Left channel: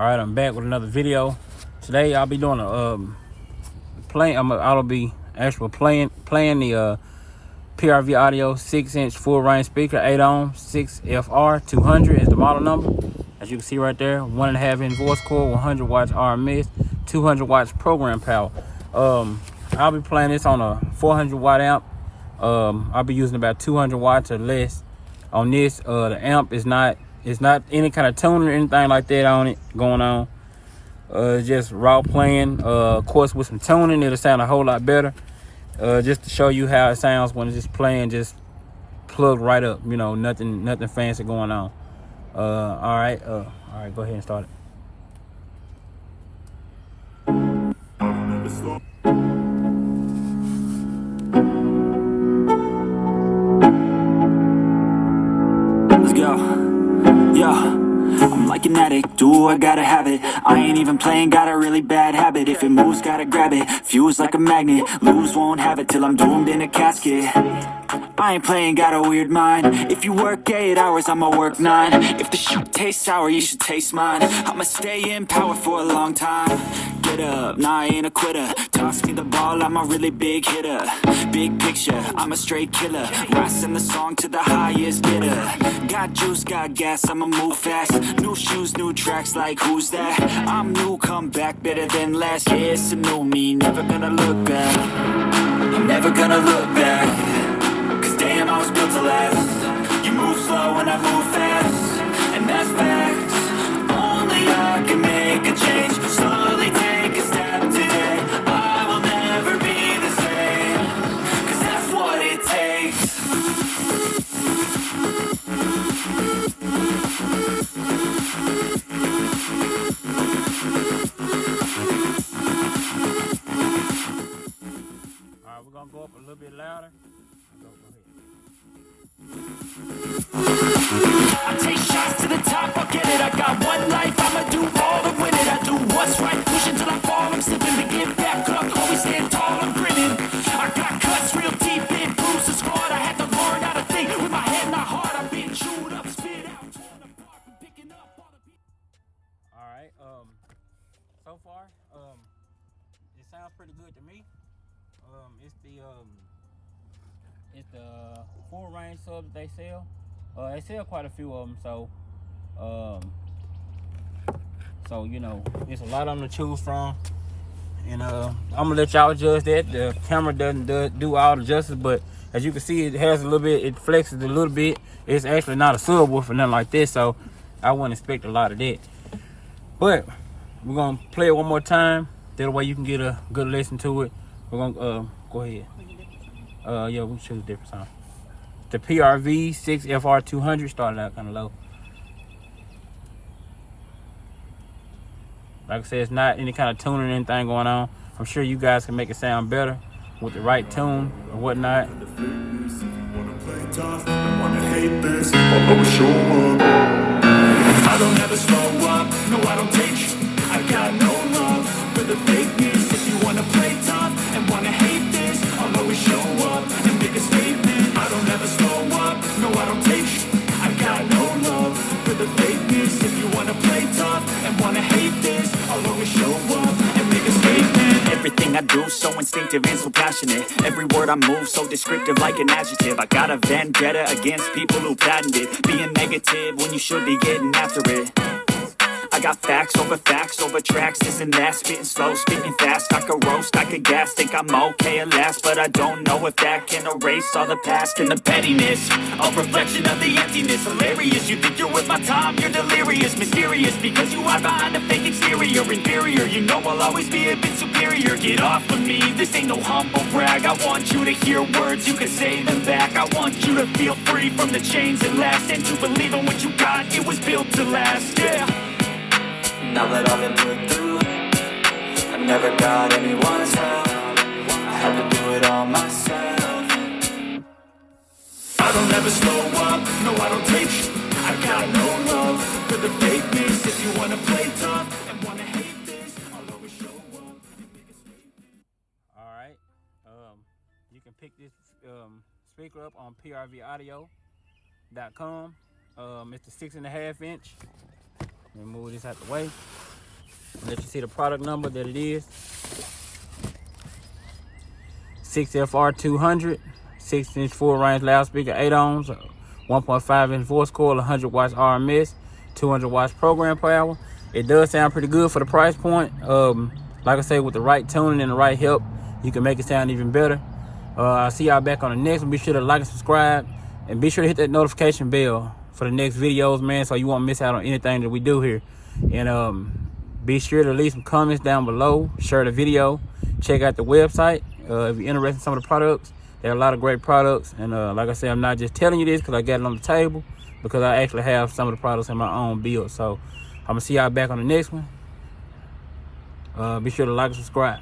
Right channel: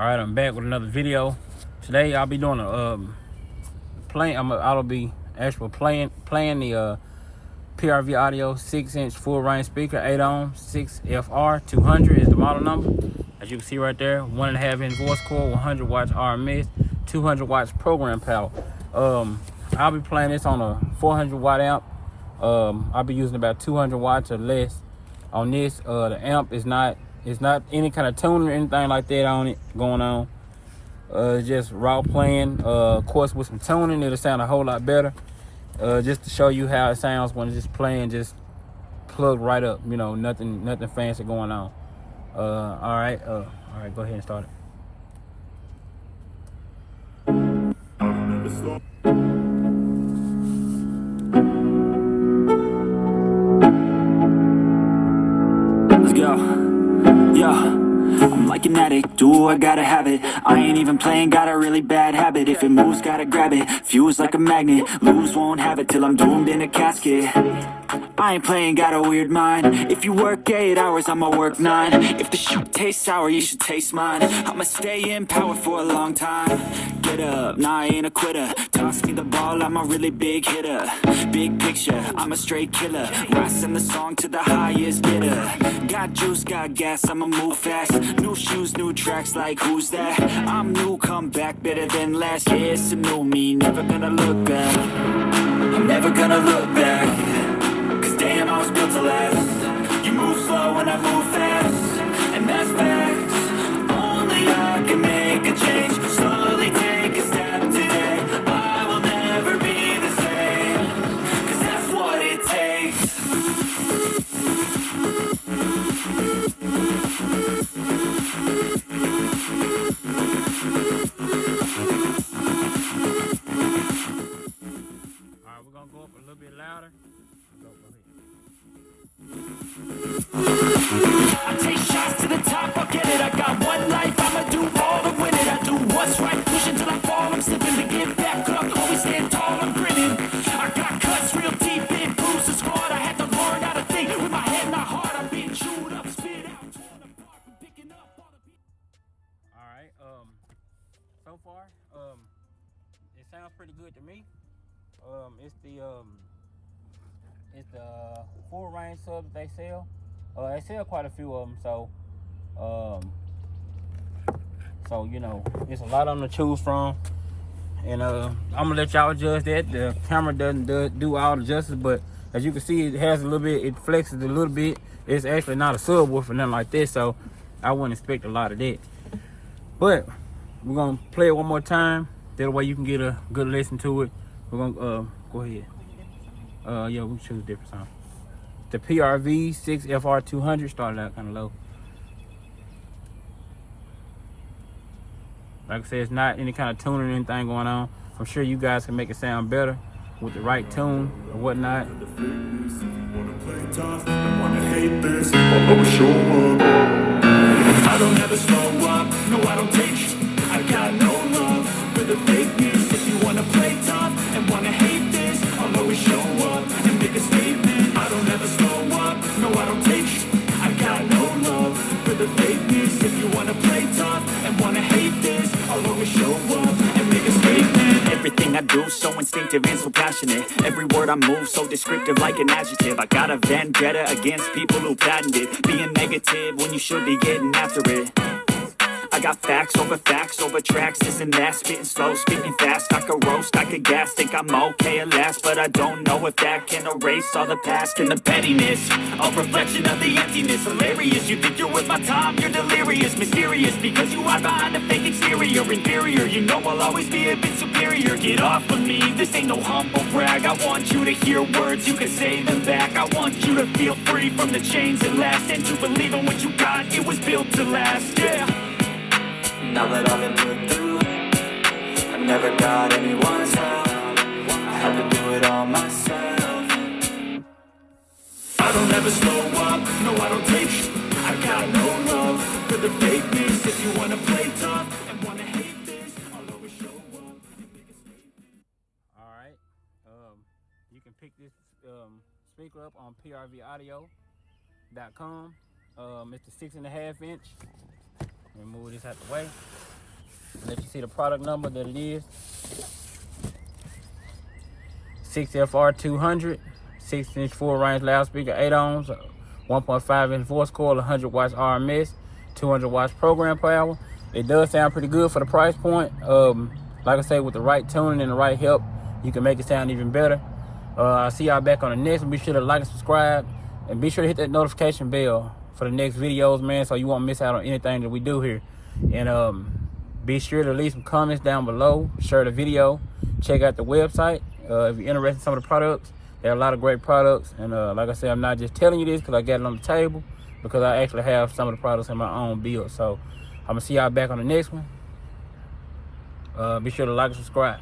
Alright, I'm back with another video. Today I'll be doing a I'll be actually playing the PRV Audio 6-inch full range speaker, 8 ohm, 6FR200 is the model number. As you can see right there, 1.5 inch voice cord, 100 watts RMS, 200 watts program power. I'll be playing this on a 400 watt amp. I'll be using about 200 watts or less on this. The amp is not any kind of tuning or anything like that on it going on. It's just raw playing. Of course, with some tuning, it'll sound a whole lot better. Just to show you how it sounds when it's just playing, just plugged right up. You know, nothing fancy going on. All right, go ahead and start it. Let's go. Yeah, I'm like an addict, do I gotta have it. I ain't even playing, got a really bad habit. If it moves, gotta grab it, fuse like a magnet. Lose, won't have it till I'm doomed in a casket. I ain't playing, got a weird mind. If you work 8 hours, I'ma work 9. If the shoot tastes sour, you should taste mine. I'ma stay in power for a long time. Get up, nah, I ain't a quitter. Toss me the ball, I'm a really big hitter. Big picture, I'm a straight killer. Rising the song to the highest bidder. Got juice, got gas, I'ma move fast. New shoes, new tracks, like who's that? I'm new, come back, better than last. Yeah, it's a new me, never gonna look back. I'm never gonna look back. Damn, I was built to last. You move slow and I move fast, and that's facts. Only I can make a change. Slowly take a step today. I will never be the same, 'cause that's what it takes. Alright, we're gonna go up a little bit louder. I take shots to the top, I'll get it. I got one life, I'ma do all to win it. I do what's right, push until I fall. I'm slipping to get back up, always stand tall, I'm grinning. I got cuts real deep, in bruises squad. I had to learn how to think with my head, not heart. I've been chewed up, spit out, torn apart from picking up all the pieces. Alright, so far, it sounds pretty good to me. It's the full range subs they sell. They sell quite a few of them, so you know, it's a lot on to choose from, and I'm gonna let y'all judge that. The camera doesn't do all the justice, but as you can see, it has a little bit, it flexes a little bit. It's actually not a subwoofer or nothing like this, so I wouldn't expect a lot of that. But we're gonna play it one more time, that way you can get a good listen to it. We're gonna go ahead. Yeah, we choose a different sound. The PRV 6FR200 started out kind of low. Like I said, it's not any kind of tuning or anything going on. I'm sure you guys can make it sound better with the right tune and whatnot. I don't ever slow up, no I don't take shit. I got no love for the fakeness. If you wanna play tough and wanna hate this, I'll always show up and make a statement. I don't ever slow up, no I don't take shit. I got no love for the fakeness. If you wanna play tough and wanna hate this, I'll always show up and make a statement. Everything I do so instinctive and so passionate. Every word I move so descriptive like an adjective. I got a vendetta against people who patented being negative when you should be getting after it. I got facts over tracks, this and that. Spitting slow, spitting fast. I could roast, I could gas. Think I'm okay at last, but I don't know if that can erase all the past and the pettiness. A reflection of the emptiness. Hilarious, you think you're worth my time, you're delirious. Mysterious, because you hide behind a fake exterior. Inferior, you know I'll always be a bit superior. Get off of me, this ain't no humble brag. I want you to hear words, you can say them back. I want you to feel free from the chains that last, and to believe in what you got, it was built to last, yeah. Now that I've been put through, I never got anyone's help. I had to do it all myself. I don't ever slow up, no I don't take shit. I got no love for the fakeness. If you wanna play tough and wanna hate this, I'll always show up and make a statement. Alright, you can pick this speaker up on PRVaudio.com. It's the 6.5 inch. We'll move this out the way. Let you see the product number that it is. 6FR200, 6-inch full-range loudspeaker, 8 ohms, 1.5-inch voice coil, 100 watts RMS, 200 watts program power. It does sound pretty good for the price point. Like I said, with the right tuning and the right help, you can make it sound even better. I'll see y'all back on the next one. Be sure to like and subscribe, and be sure to hit that notification bell for the next videos, man, so you won't miss out on anything that we do here. And be sure to leave some comments down below, share the video, check out the website. If you're interested in some of the products, there are a lot of great products. And like I said, I'm not just telling you this because I got it on the table, because I actually have some of the products in my own build. So I'm gonna see y'all back on the next one. Be sure to like and subscribe.